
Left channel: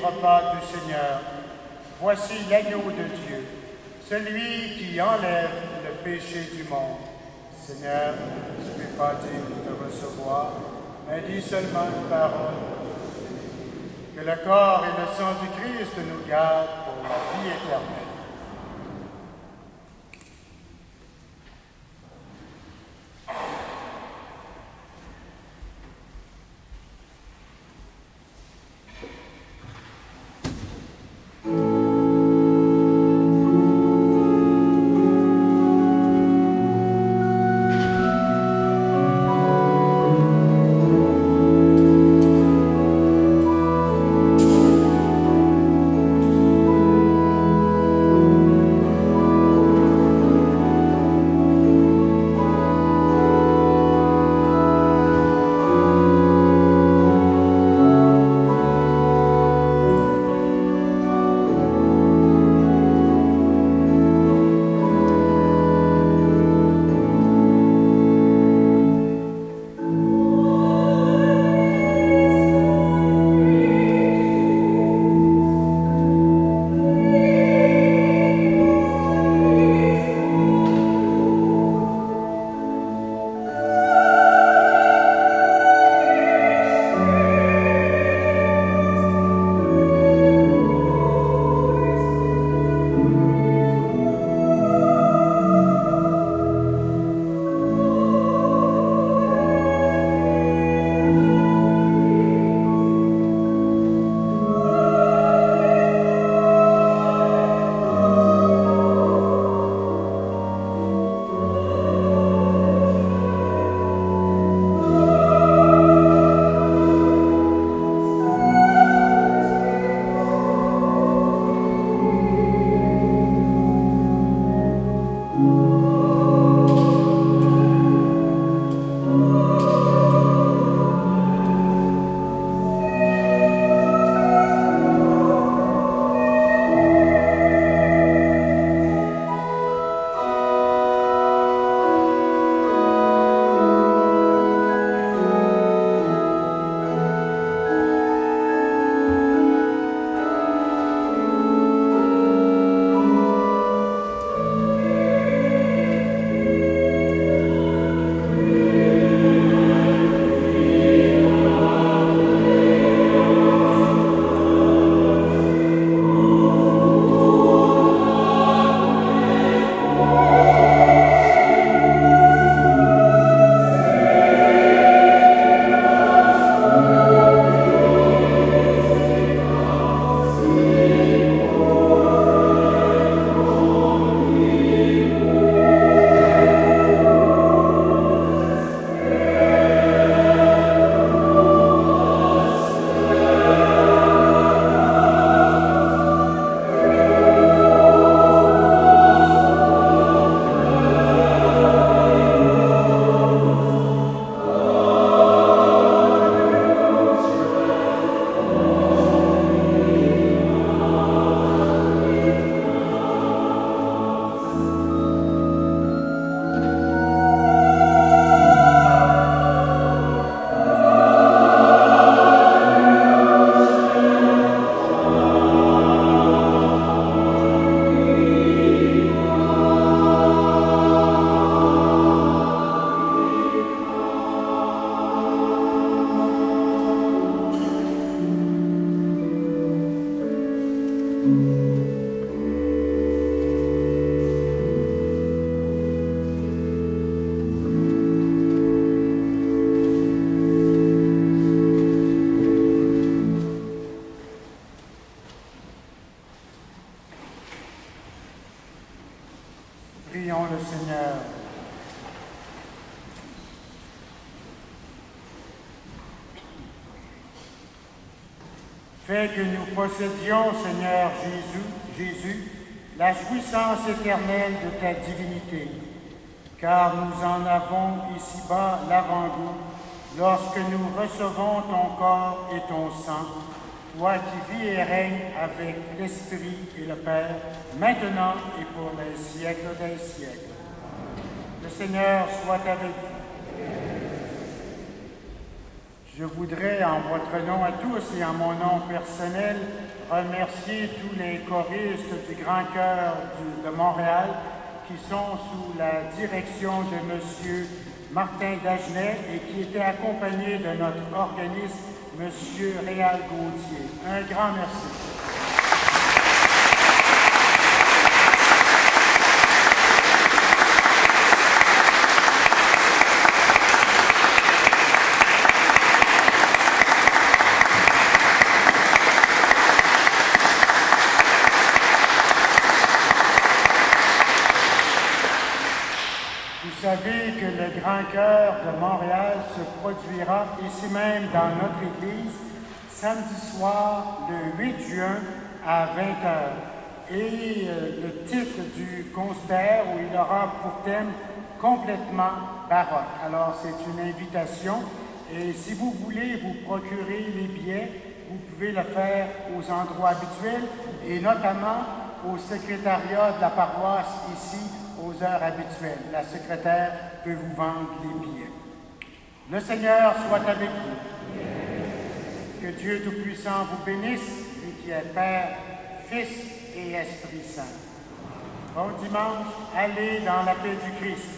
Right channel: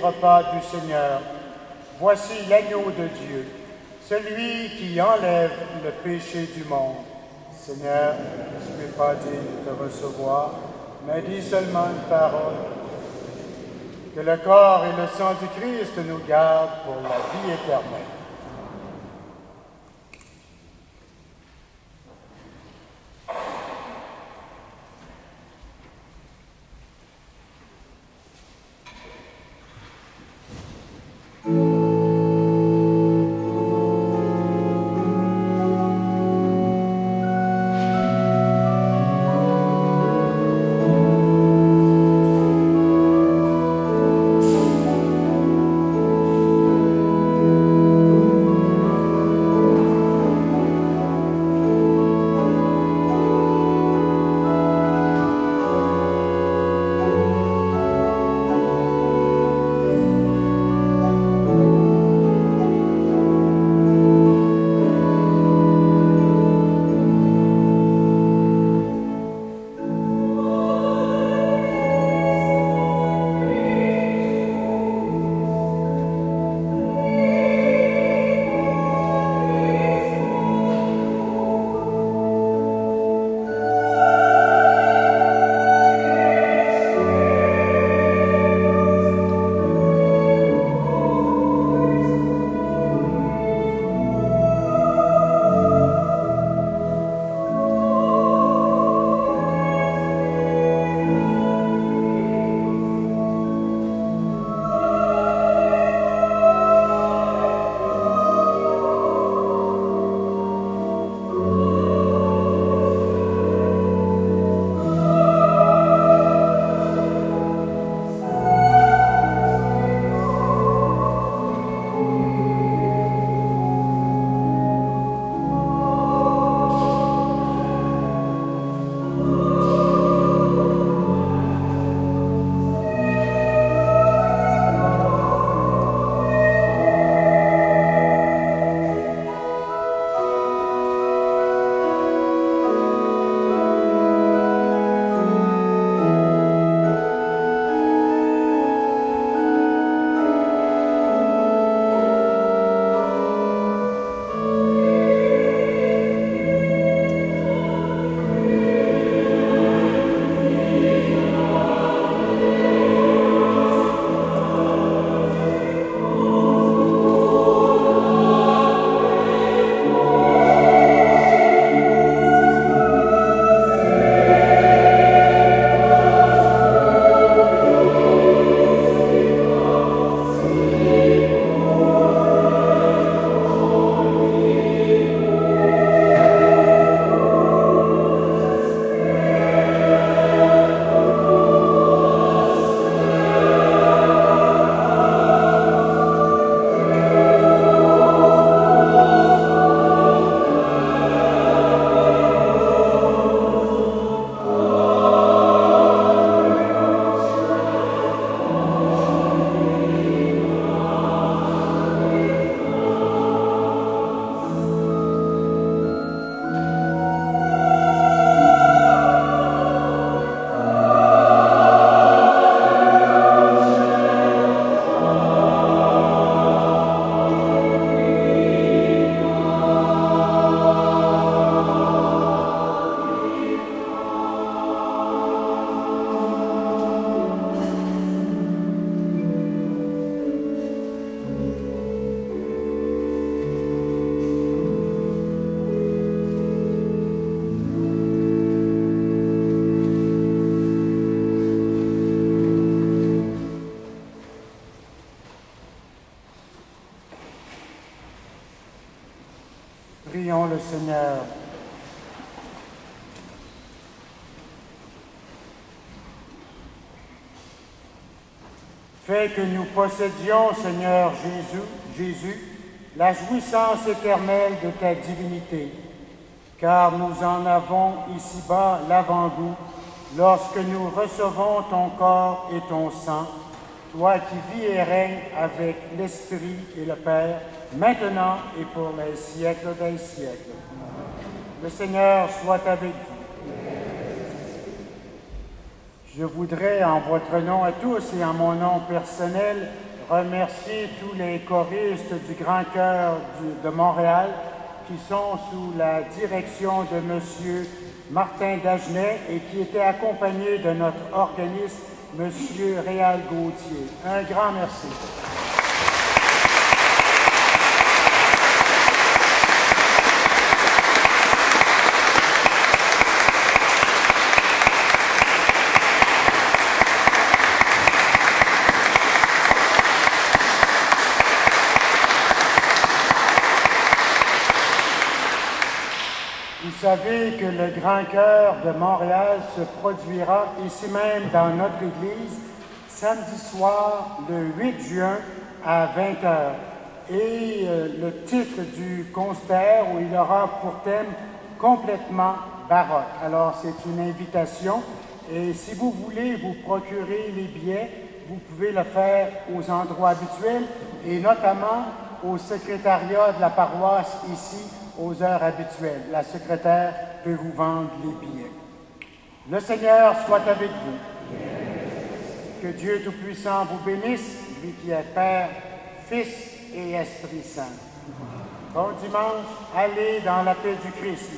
repas du Seigneur. Voici l'agneau de Dieu, celui qui enlève le péché du monde. Seigneur, je ne suis pas digne de te recevoir, mais dis seulement une parole. Que le corps et le sang du Christ nous gardent pour la vie éternelle. Prions le Seigneur. Fais que nous possédions, Seigneur Jésus, la jouissance éternelle de ta divinité, car nous en avons ici-bas l'avant-goût lorsque nous recevons ton corps et ton sang, toi qui vis et règnes avec l'Esprit et le Père, maintenant et pour les siècles des siècles. Le Seigneur soit avec vous. Je voudrais, en votre nom à tous et en mon nom personnel, remercier tous les choristes du Grand Chœur de Montréal qui sont sous la direction de M. Martin Dagenet et qui étaient accompagnés de notre organiste, M. Réal Gauthier. Un grand merci. Vous savez que le Grand Chœur de Montréal se produira ici même dans notre église samedi soir, le 8 juin à 20h. Et le titre du concert, où il aura pour thème complètement baroque. Alors c'est une invitation et si vous voulez vous procurer les billets, vous pouvez le faire aux endroits habituels et notamment au secrétariat de la paroisse ici aux heures habituelles. La secrétaire peut vous vendre les billets. Le Seigneur soit avec vous. Que Dieu Tout-Puissant vous bénisse, lui qui est Père, Fils et Esprit Saint. Bon dimanche, allez dans la paix du Christ.